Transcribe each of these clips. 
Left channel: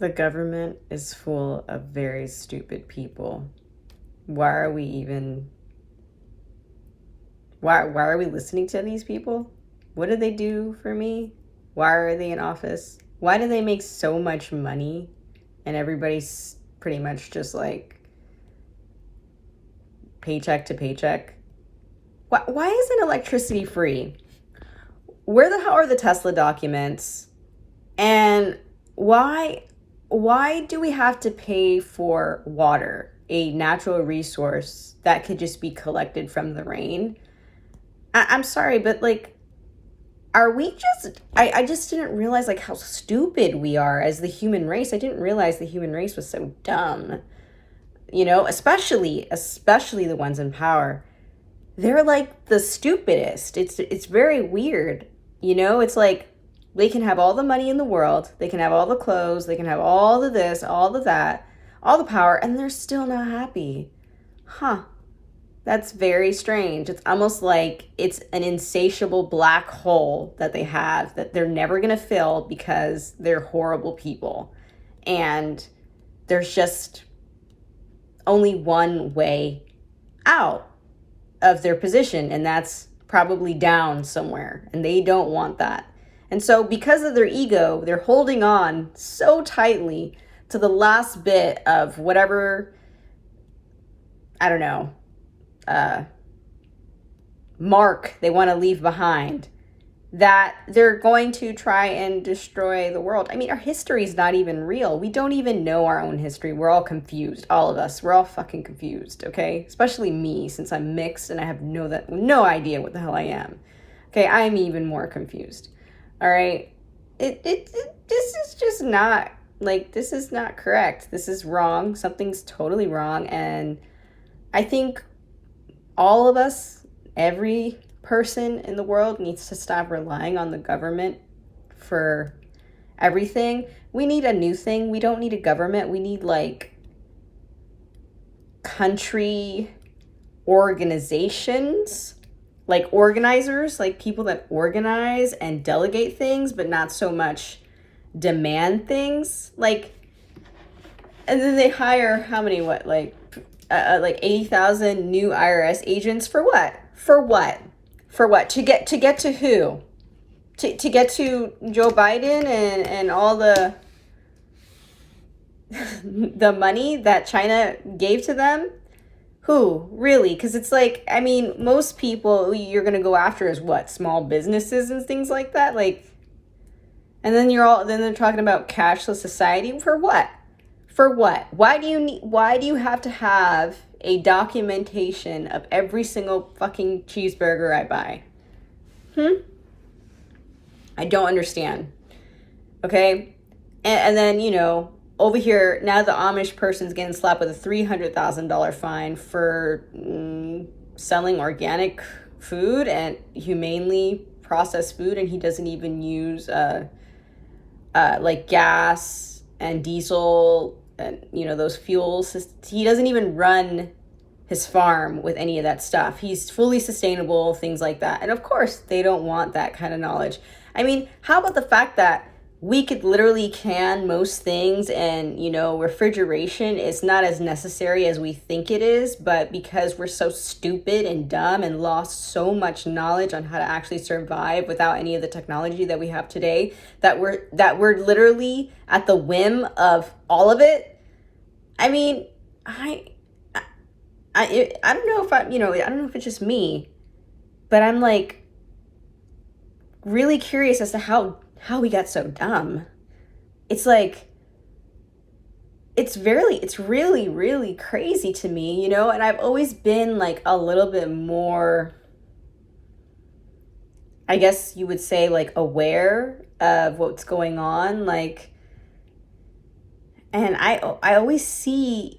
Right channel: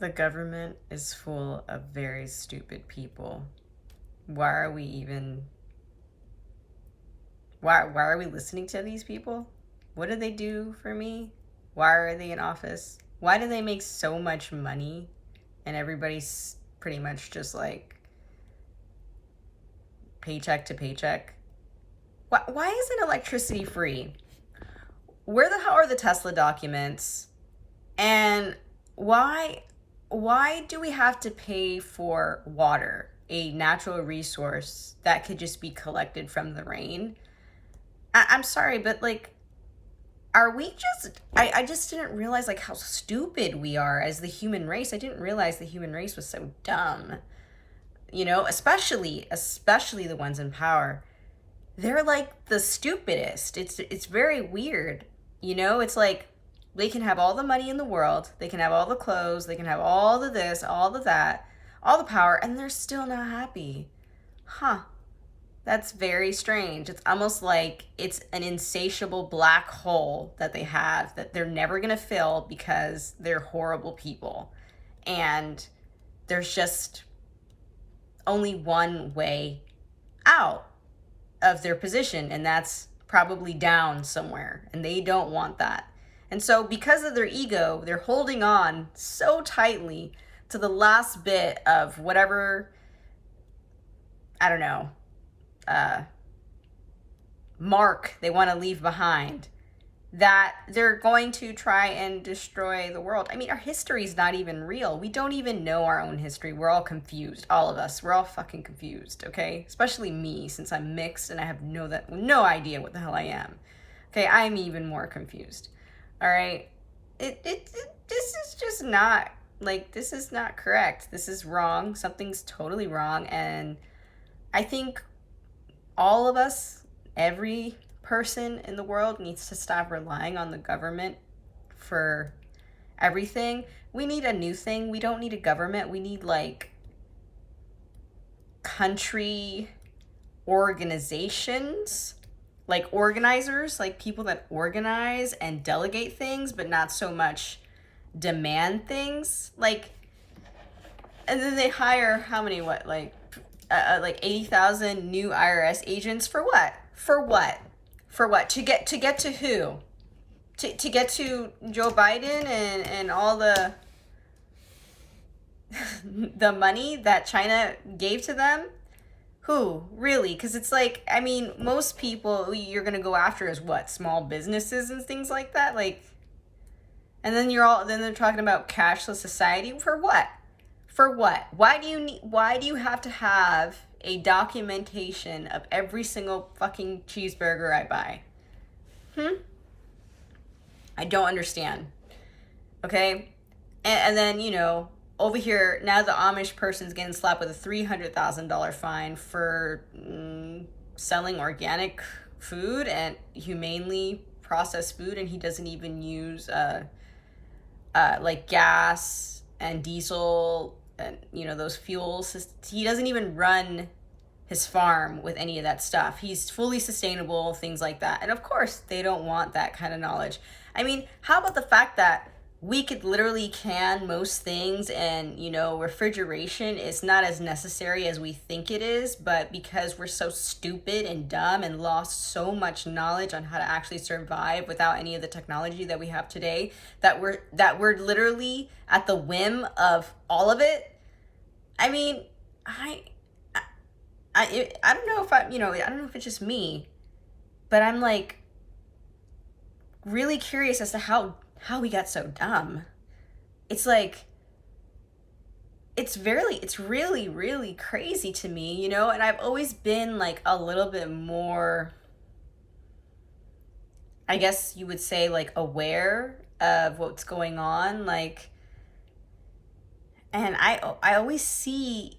The government is full of very stupid people. Why are we even why are we listening to these people? What do they do for me? Why are they in office? Why do they make so much money and everybody's pretty much just like paycheck to paycheck? Why isn't electricity free? Where the hell are the Tesla documents? And why do we have to pay for water, a natural resource that could just be collected from the rain? I'm sorry, but like, are we just I just didn't realize like how stupid we are as the human race. I didn't realize the human race was so dumb. Especially the ones in power. They're like the stupidest. It's very weird. It's like they can have all the money in the world, they can have all the clothes, they can have all of this, all of that, all the power, and they're still not happy. Huh. That's very strange. It's almost like it's an insatiable black hole that they have that they're never going to fill because they're horrible people. And there's just only one way out of their position, and that's probably down somewhere. And they don't want that. And so, because of their ego, they're holding on so tightly to the last bit of whatever, I don't know, mark they want to leave behind, that they're going to try and destroy the world. I mean, our history is not even real. We don't even know our own history. We're all confused. All of us. We're all fucking confused, okay? Especially me, since I'm mixed and I have no idea what the hell I am. Okay, I'm even more confused. All right? This is just not, like, this is not correct. This is wrong. Something's totally wrong. And I think all of us, every person in the world needs to stop relying on the government for everything. We need a new thing. We don't need a government. We need like country organizations, like organizers, like people that organize and delegate things, but not so much demand things. Like, and then they hire how many, like 80,000 new IRS agents for what? For what? For what? To get to who? To get to Joe Biden and all the the money that China gave to them? Who? Really? Because it's like, I mean, most people you're going to go after is what? Small businesses and things like that? Like, and then then they're talking about cashless society. For what? For what? Why do you have to have a documentation of every single fucking cheeseburger I buy? I don't understand. Okay? And then, over here, now the Amish person's getting slapped with a $300,000 fine for selling organic food and humanely processed food, and he doesn't even use like gas and diesel and those fuels. He doesn't even run his farm with any of that stuff. He's fully sustainable, things like that. And of course, they don't want that kind of knowledge. I mean, how about the fact that we could literally can most things, and refrigeration is not as necessary as we think it is, but because we're so stupid and dumb and lost so much knowledge on how to actually survive without any of the technology that we have today, that we're literally at the whim of all of it. I mean, I don't know if I don't know if it's just me, but I'm like really curious as to how we got so dumb. It's like, it's really, really crazy to me, and I've always been like a little bit more, I guess you would say, like aware of what's going on, like, and I always see,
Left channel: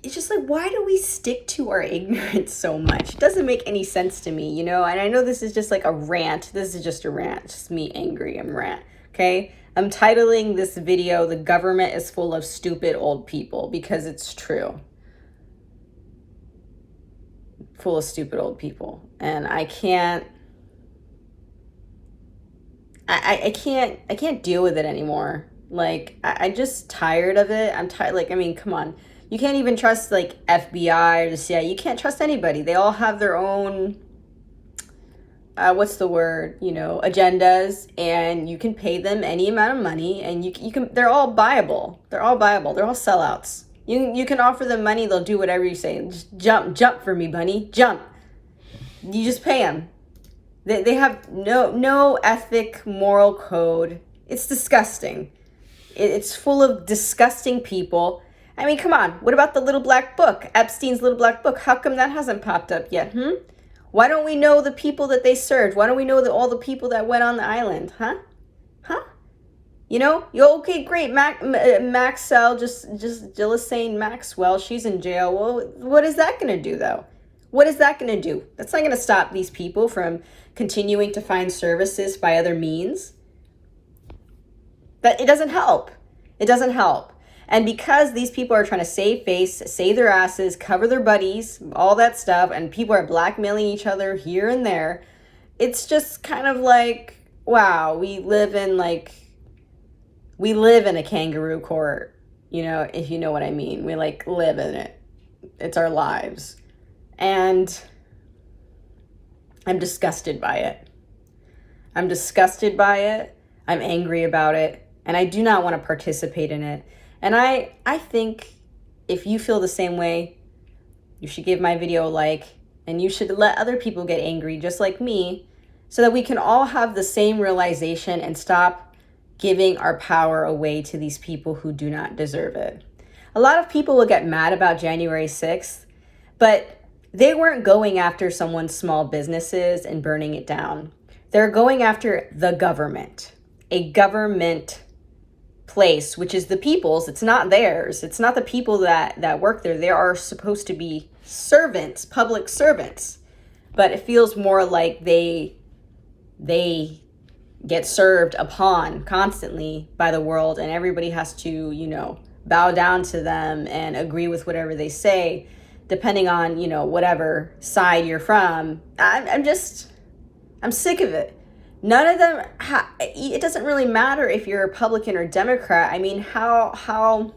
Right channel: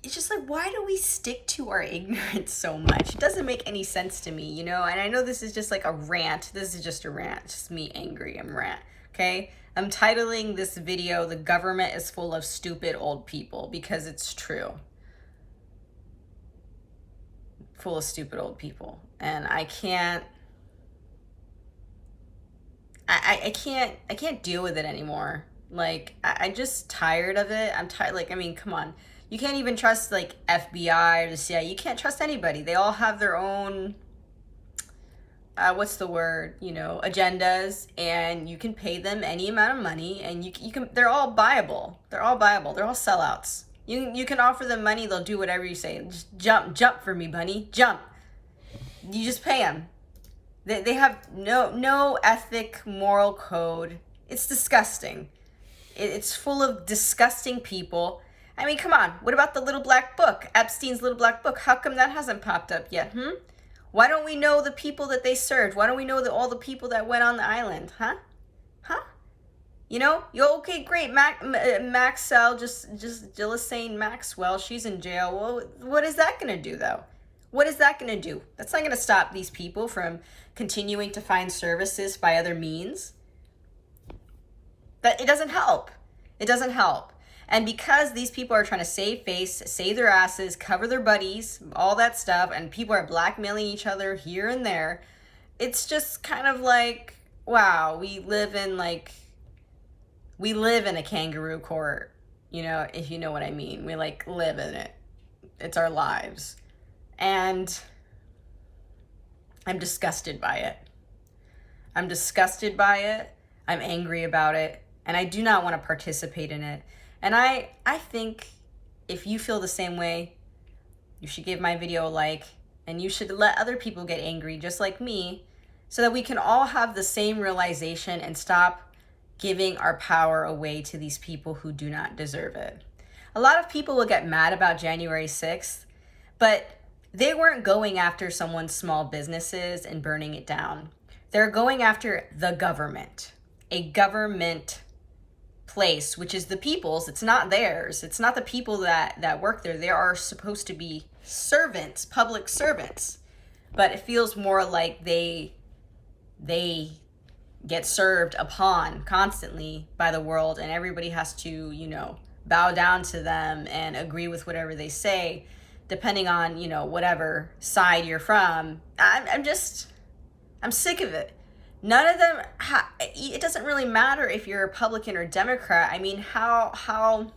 it's just like, why do we stick to our ignorance so much? It doesn't make any sense to me, and I know this is just like a rant. This is just a rant. It's just me angry. I'm rant. Okay? I'm titling this video, "The Government is Full of Stupid Old People," because it's true. Full of stupid old people. And I can't deal with it anymore. Like, I'm just tired of it. I'm tired. Like, I mean, come on. You can't even trust, like, FBI or the CIA. You can't trust anybody. They all have their own, what's the word, agendas, and you can pay them any amount of money, and you can, they're all buyable. They're all buyable. They're all sellouts. You can offer them money. They'll do whatever you say. Just jump for me, bunny. Jump. You just pay them. They have no ethic, moral code. It's disgusting. It's full of disgusting people. I mean, come on. What about the little black book? Epstein's little black book. How come that hasn't popped up yet? Why don't we know the people that they served? Why don't we know all the people that went on the island? Huh? Okay, great. Maxwell, just Ghislaine Maxwell, she's in jail. Well, what is that going to do, though? What is that going to do? That's not going to stop these people from continuing to find services by other means. That it doesn't help. It doesn't help. And because these people are trying to save face, save their asses, cover their buddies, all that stuff, and people are blackmailing each other here and there, it's just kind of like, wow, we live in a kangaroo court, if you know what I mean. We live in it. It's our lives. And I'm disgusted by it. I'm angry about it. And I do not want to participate in it. And I think if you feel the same way, you should give my video a like, and you should let other people get angry just like me, so that we can all have the same realization and stop giving our power away to these people who do not deserve it. A lot of people will get mad about January 6th, but they weren't going after someone's small businesses and burning it down. They're going after the government, a government place, which is the people's. It's not theirs. It's not the people that work there. They are supposed to be servants, public servants. But it feels more like they get served upon constantly by the world, and everybody has to, bow down to them and agree with whatever they say, depending on, whatever side you're from. I'm sick of it. None of them, it doesn't really matter if you're a Republican or Democrat. I mean, how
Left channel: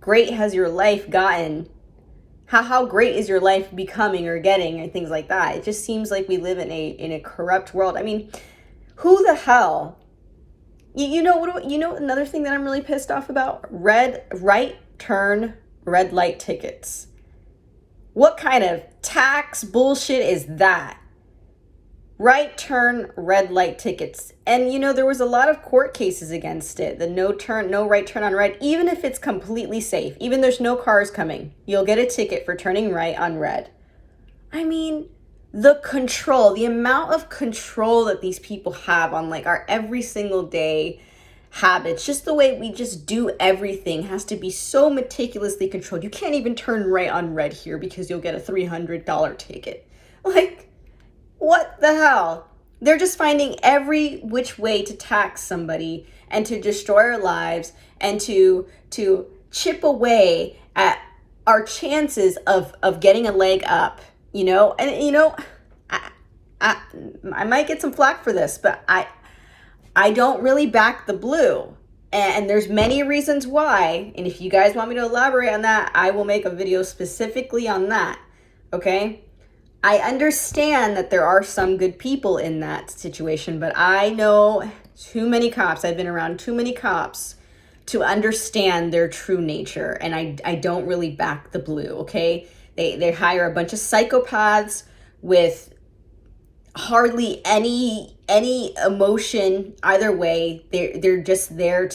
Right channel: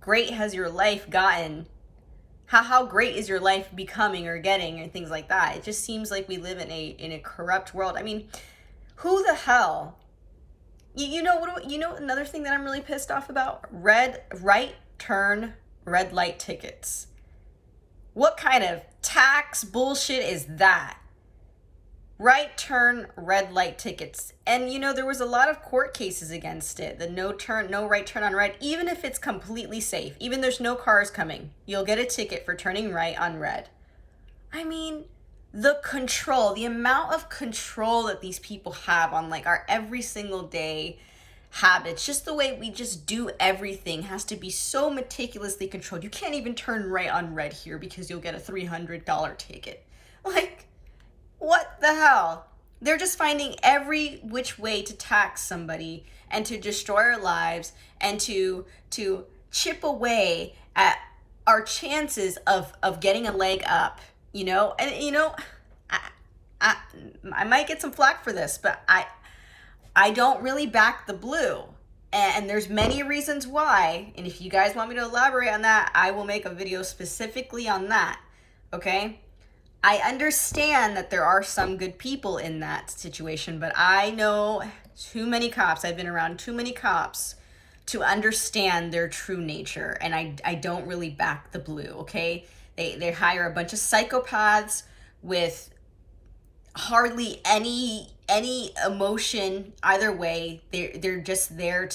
great has your life gotten? How great is your life becoming or getting, and things like that? It just seems like we live in a corrupt world. I mean, who the hell? Another thing that I'm really pissed off about? Right turn red light tickets. What kind of tax bullshit is that? Right turn red light tickets. And there was a lot of court cases against it. The no right turn on red, even if it's completely safe, even there's no cars coming, you'll get a ticket for turning right on red. I mean, the amount of control that these people have on our every single day habits, just the way we just do everything has to be so meticulously controlled. You can't even turn right on red here because you'll get a $300 ticket. What the hell? They're just finding every which way to tax somebody and to destroy our lives and to chip away at our chances of getting a leg up, And I might get some flack for this, but I don't really back the blue. And there's many reasons why. And if you guys want me to elaborate on that, I will make a video specifically on that. Okay? I understand that there are some good people in that situation, but I know too many cops. I've been around too many cops to understand their true nature. And I don't really back the blue, okay? They hire a bunch of psychopaths with hardly any emotion either way. They're just there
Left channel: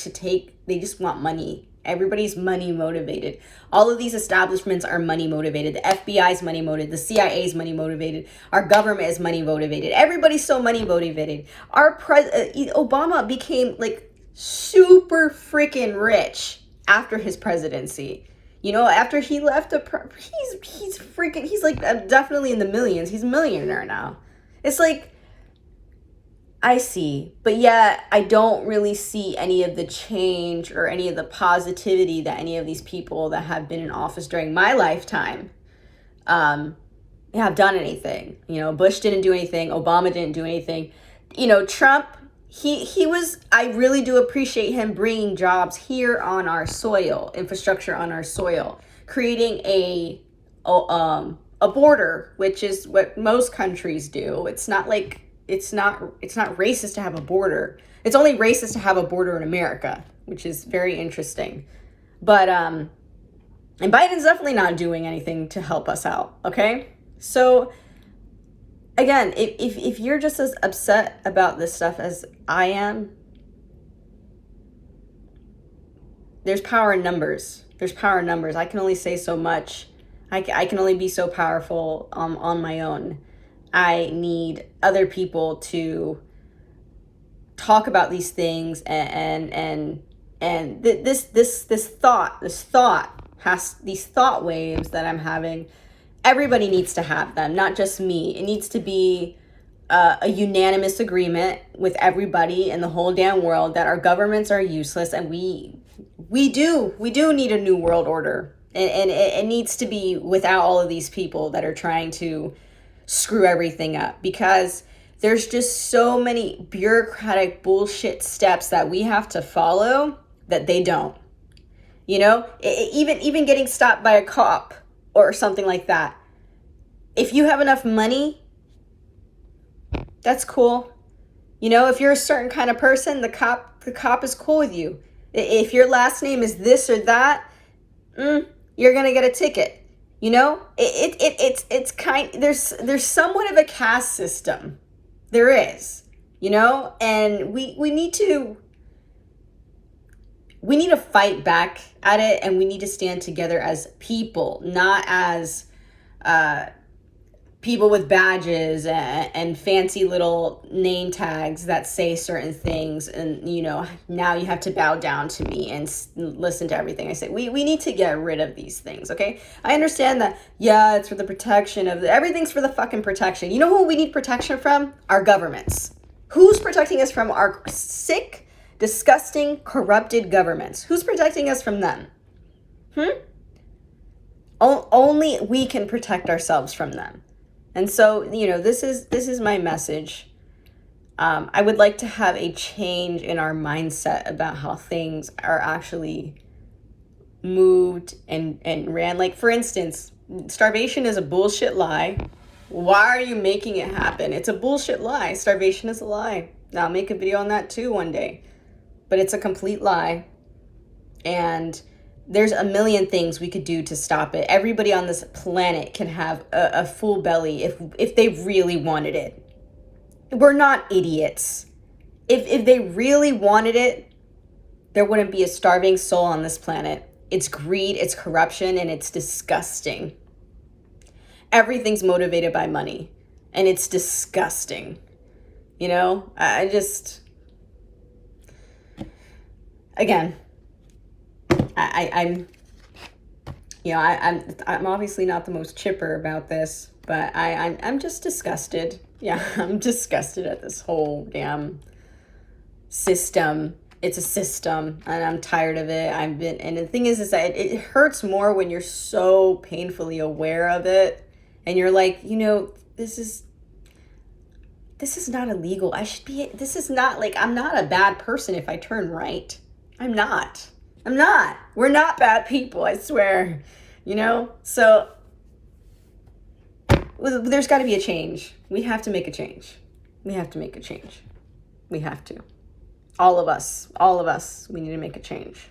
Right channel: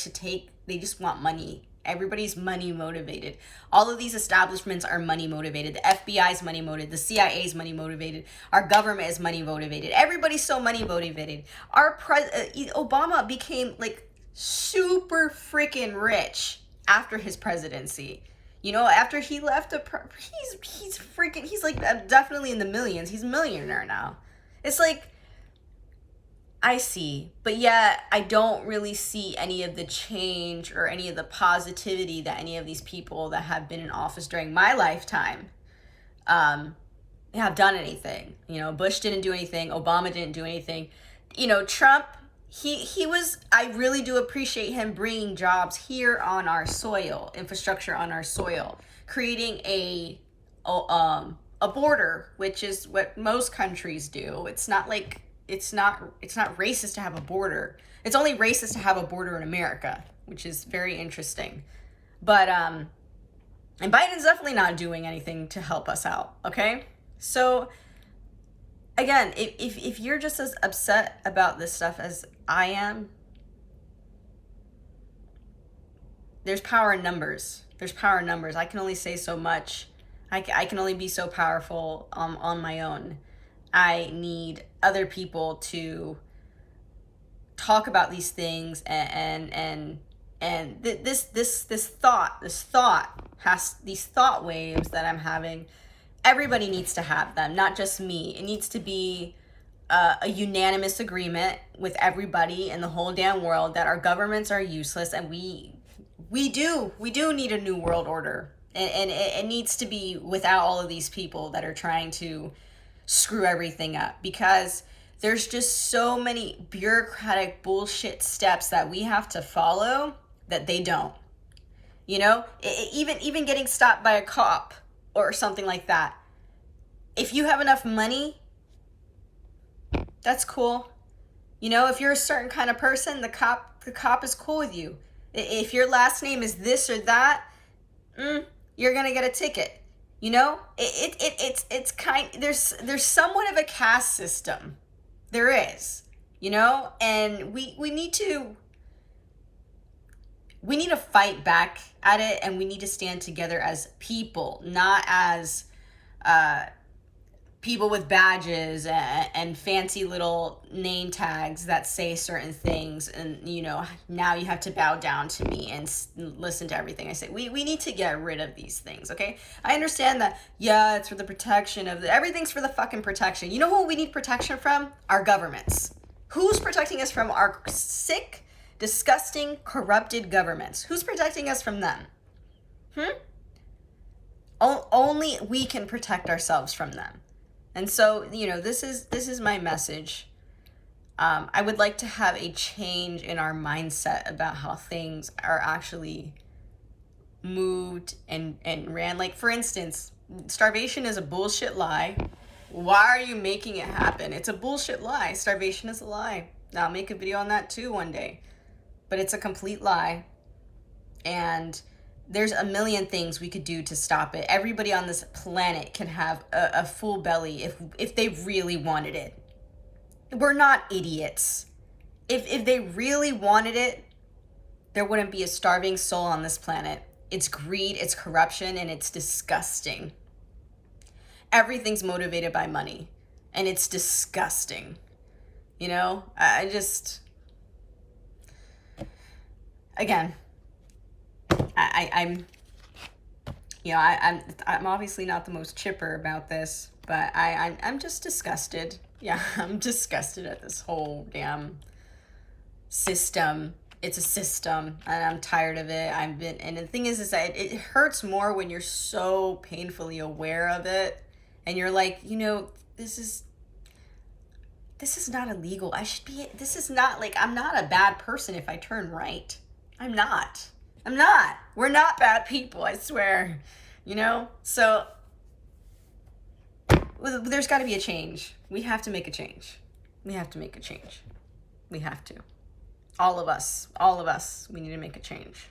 they just want money. Everybody's money motivated. All of these establishments are money motivated. The FBI is money motivated. The CIA is money motivated. Our government is money motivated. Everybody's so money motivated. Obama became super freaking rich after his presidency. After he left, he's definitely in the millions. He's a millionaire now. It's I see, but yet I don't really see any of the change or any of the positivity that any of these people that have been in office during my lifetime have done anything. Bush didn't do anything. Obama didn't do anything. Trump, he was, I really do appreciate him bringing jobs here on our soil, infrastructure on our soil, creating a border, which is what most countries do. It's not like, it's not racist to have a border. It's only racist to have a border in America, which is very interesting. But and Biden's definitely not doing anything to help us out, okay? So again, if you're just as upset about this stuff as I am, there's power in numbers. There's power in numbers. I can only say so much. I can only be so powerful on my own. I need other people to talk about these things, and these thought waves that I'm having. Everybody needs to have them, not just me. It needs to be a unanimous agreement with everybody in the whole damn world that our governments are useless, and we do need a new world order, and it needs to be without all of these people that are trying to screw everything up, because there's just so many bureaucratic bullshit steps that we have to follow that they don't. You know, even getting stopped by a cop or something like that. If you have enough money, that's cool. You know, if you're a certain kind of person, the cop is cool with you. If your last name is this or that, you're gonna get a ticket. You know, it's there's somewhat of a caste system. There is, you know, and we need to fight back at it, and we need to stand together as people, not as people with badges and fancy little name tags that say certain things, and you know, now you have to bow down to me and listen to everything I say. We need to get rid of these things, okay? I understand that, yeah, it's for the protection of everything's for the fucking protection. You know who we need protection from? Our governments. Who's protecting us from our sick, disgusting, corrupted governments? Who's protecting us from them? Only we can protect ourselves from them. And so, you know, this is my message. I would like to have a change in our mindset about how things are actually moved and ran. Like, for instance, starvation is a bullshit lie. Why are you making it happen? It's a bullshit lie. Starvation is a lie. I'll make a video on that too one day. But it's a complete lie. And there's a million things we could do to stop it. Everybody on this planet can have a full belly if they really wanted it. We're not idiots. If they really wanted it, there wouldn't be a starving soul on this planet. It's greed, it's corruption, and it's disgusting. Everything's motivated by money, and it's disgusting. You know, again, I'm obviously not the most chipper about this, but I'm just disgusted. Yeah, I'm disgusted at this whole damn system. It's a system, and I'm tired of it. And the thing is that it hurts more when you're so painfully aware of it, and you're like, you know, this is not illegal. This is not like, I'm not a bad person if I turn right. I'm not. We're not bad people, I swear. You know? So there's got to be a change. We have to make a change. We have to. All of us, we need to make a change.